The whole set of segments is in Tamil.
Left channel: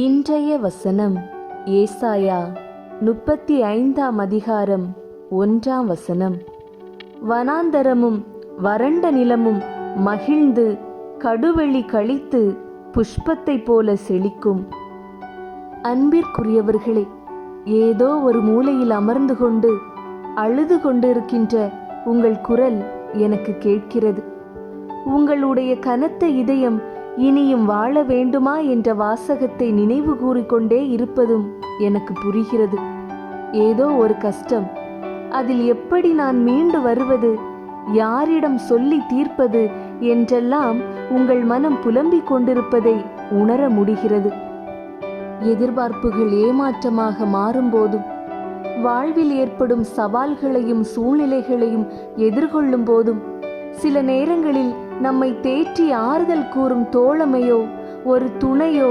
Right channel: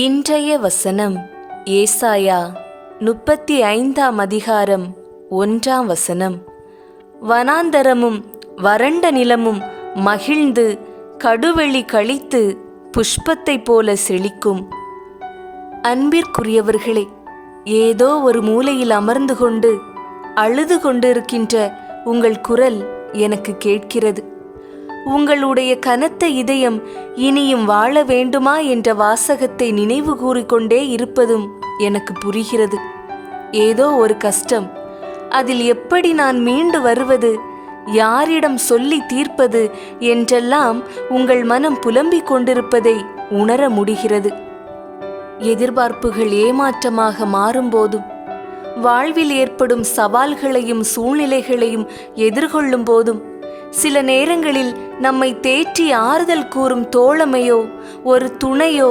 இன்றைய வசனம் ஏசாயா 35ஆம் அதிகாரம் 1ஆம் வசனம். வனாந்தரமும் வறண்ட நிலமும் மகிழ்ந்து கடுவெளி கழித்து புஷ்பத்தைப் போல செழிக்கும். அன்பிற்குரியவர்களே, ஏதோ ஒரு மூலையில் அமர்ந்து கொண்டு அழுது கொண்டிருக்கின்ற உங்கள் குரல் எனக்கு கேட்கிறது. உங்களுடைய கனத்த இதயம் இனியும் வாழ வேண்டுமா என்ற வாசகத்தை நினைவு கூறிக்கொண்டே இருப்பதும் எனக்கு புரிகிறது. ஏதோ ஒரு கஷ்டம், அதில் எப்படி நான் மீண்டு வருவது, யாரிடம் சொல்லி தீர்ப்பது என்றெல்லாம் உங்கள் மனம் புலம்பிக் கொண்டிருப்பதை உணர முடிகிறது. எதிர்பார்ப்புகள் ஏமாற்றமாக மாறும்போதும், வாழ்வில் ஏற்படும் சவால்களையும் சூழ்நிலைகளையும் எதிர்கொள்ளும் போதும், சில நேரங்களில் நம்மை தேற்றி ஆறுதல் கூறும் தோழமையோ ஒரு துணையோ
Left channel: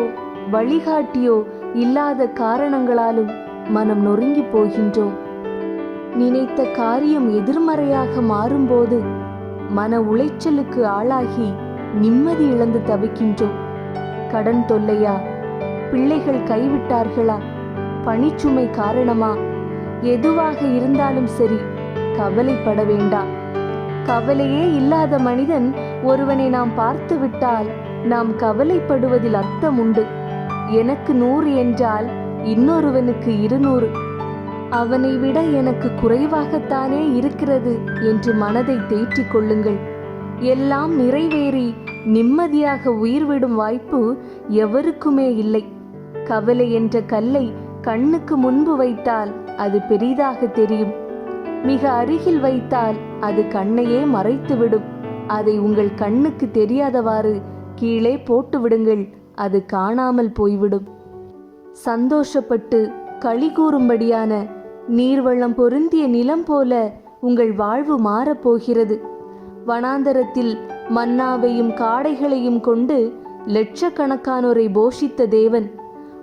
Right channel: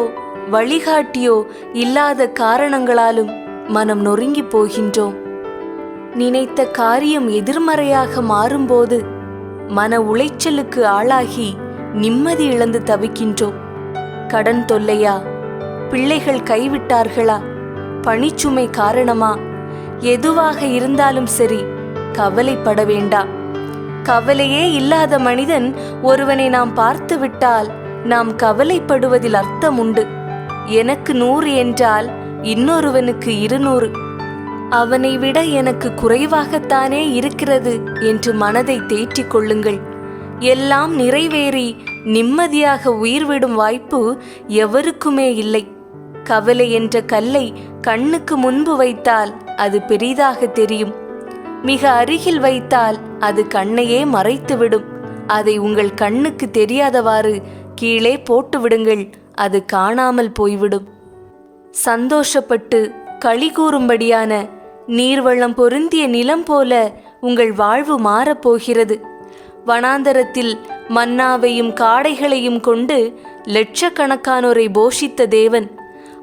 வழிகாட்டியோ இல்லாத காரணங்களாலும் மனம் நொறுங்கி போகின்றோம். நினைத்த காரியம் எதிர்மறையாக மாறும்போது மன உளைச்சலுக்கு ஆளாகி நிம்மதி இழந்து தவிக்கின்றோம். கடன் தொல்லையா, பிள்ளைகள் கைவிட்டார்களா, பணிச்சுமை காரணமா, எதுவாக இருந்தாலும் சரி, கவலைப்பட வேண்டாம். கவலையே இல்லாத மனிதன் ஒருவனை நாம் பார்த்து விட்டால் நாம் கவலைப்படுவதில் அர்த்தம் உண்டு. எனக்கு 100 என்றால் இன்னொருவனுக்கு 200, அவனை விட எனக்கு குறைவாகத்தானே இருக்கிறது என்று மனதை தேற்றிக் கொள்ளுங்கள். எல்லாம் நிறைவேறி நிம்மதியாக உயிர்விடும் வாய்ப்பு எவருக்குமே இல்லை. கவலை என்ற கல்லை கண்ணுக்கு முன்பு வைத்தால் அது பெரிதாக தெரியும். மிக அருகில் வைத்தால் அது கண்ணையே மறைத்துவிடும். அதை உங்கள் கண்ணுக்கு தெரியாதவாறு கீழே போட்டு விடுங்கள், அது காணாமல் போய்விடும். சந்தோஷப்பட்டு களி கூறும்படியான நீர்வளம் பொருந்திய நிலம் போல உங்கள் வாழ்வு மாறப்போகிறது. வனாந்தரத்தில் மன்னாவையும் காடைகளையும் கொண்டு லட்சக்கணக்கானோரை போஷித்த தேவன்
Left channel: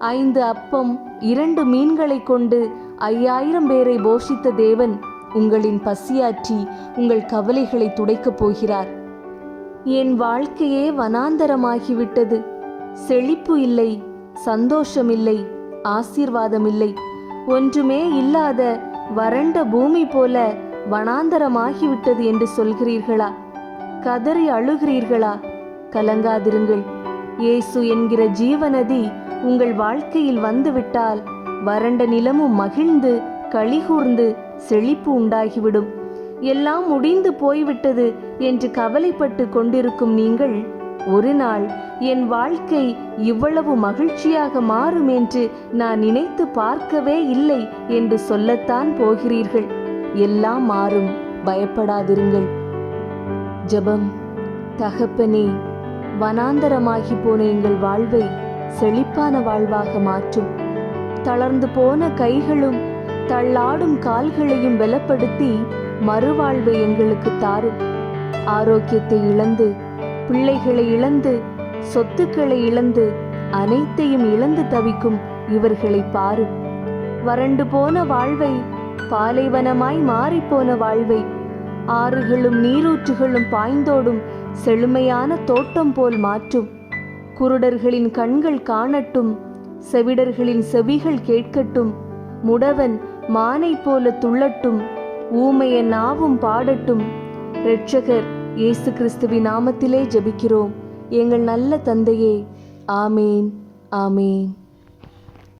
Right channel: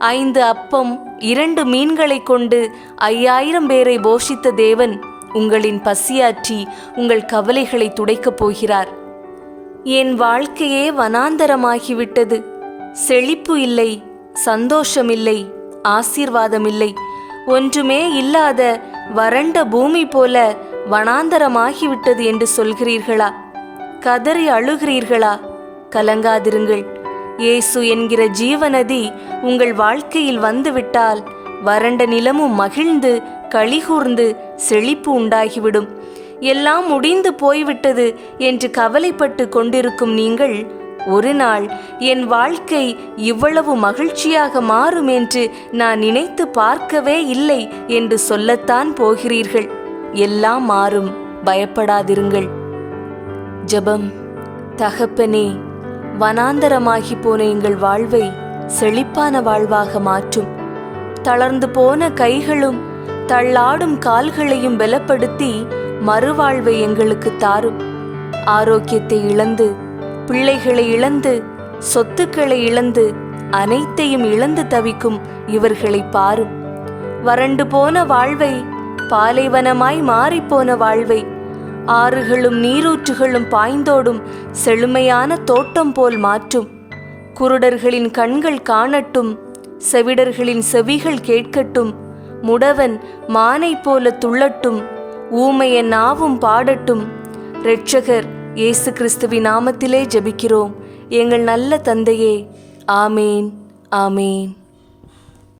5 அப்பம் 2 மீன்களை கொண்டு 5000 பேரை போஷித்த தேவன் உங்களின் பசியாற்றி உங்கள் கவலைகளை துடைக்கப் போகிறார். என் வாழ்க்கையே வனாந்தரமாகிவிட்டது, செழிப்பு இல்லை, சந்தோஷமில்லை, ஆசீர்வாதமில்லை, ஒன்றுமே இல்லாத வறண்ட பூமி போல வனாந்தரமாகிவிட்டது என்று சொல்கிறீர்களா? கதறி அழுகிறீர்களா? கலங்காதிருங்கள். இயேசு என்கிற ஜீவநதி உங்கள் வாழ்க்கையில் வந்துவிட்டால் வறண்ட நிலமும் மகிழ்ந்து களிகூர்ந்து செழிப்பு உண்டாகிவிடும். எல்லாம் முடிந்து போய்விட்டது என்று கவலைப்பட்டு கொண்டிருக்கும் நீங்கள், ஒரு நாள் என் வாழ்க்கை இவ்வளவு மகிழ்ச்சியாக மாறும் என்று நான் நினைத்து பார்க்கவே இல்லை என்று சொல்லத்தான் போகிறீர்கள். எல்லாம் மாறும், பயப்படாதிருங்கள். ஜெபம். தகப்பனே, வனாந்தரமாகி போன எங்கள் வாழ்வை செழிப்பான வாழ்வாக மாற்றும். தளர்ந்து போன கைகளும் தள்ளாடும் கால்களையும் பலப்படுத்தி மறுவாழ்வை எங்களுக்கு தாரும். ஆரோக்கியத்தை இழந்து, பிள்ளைகளை இழந்து, சொத்துக்களை இழந்து, அனைத்தையும் இழந்து தவிக்கும் இவர்களை பாரும். வறண்டு போன வாழ்வை, பாலைவனமாய் மாறிப்போன வாழ்வை, ஆறுகளும் நீரூற்றுகளும் பாய்ந்தோடும் செழுமையான தோட்டம் போல் மாற்றும். குருடர்களின் கண்கள் காணட்டும், செவிடர்களின் செவிகள் கேட்கட்டும், முடவன் மானை போல துள்ளட்டும், ஊமையன் நாவும் பாடட்டும். இரட்சகர் இயேசு கிறிஸ்துவின் நாமத்திலே ஜெபிக்கிறோம் எங்கள் நல்ல தந்தையே. ஆமேன், ஆமேன்.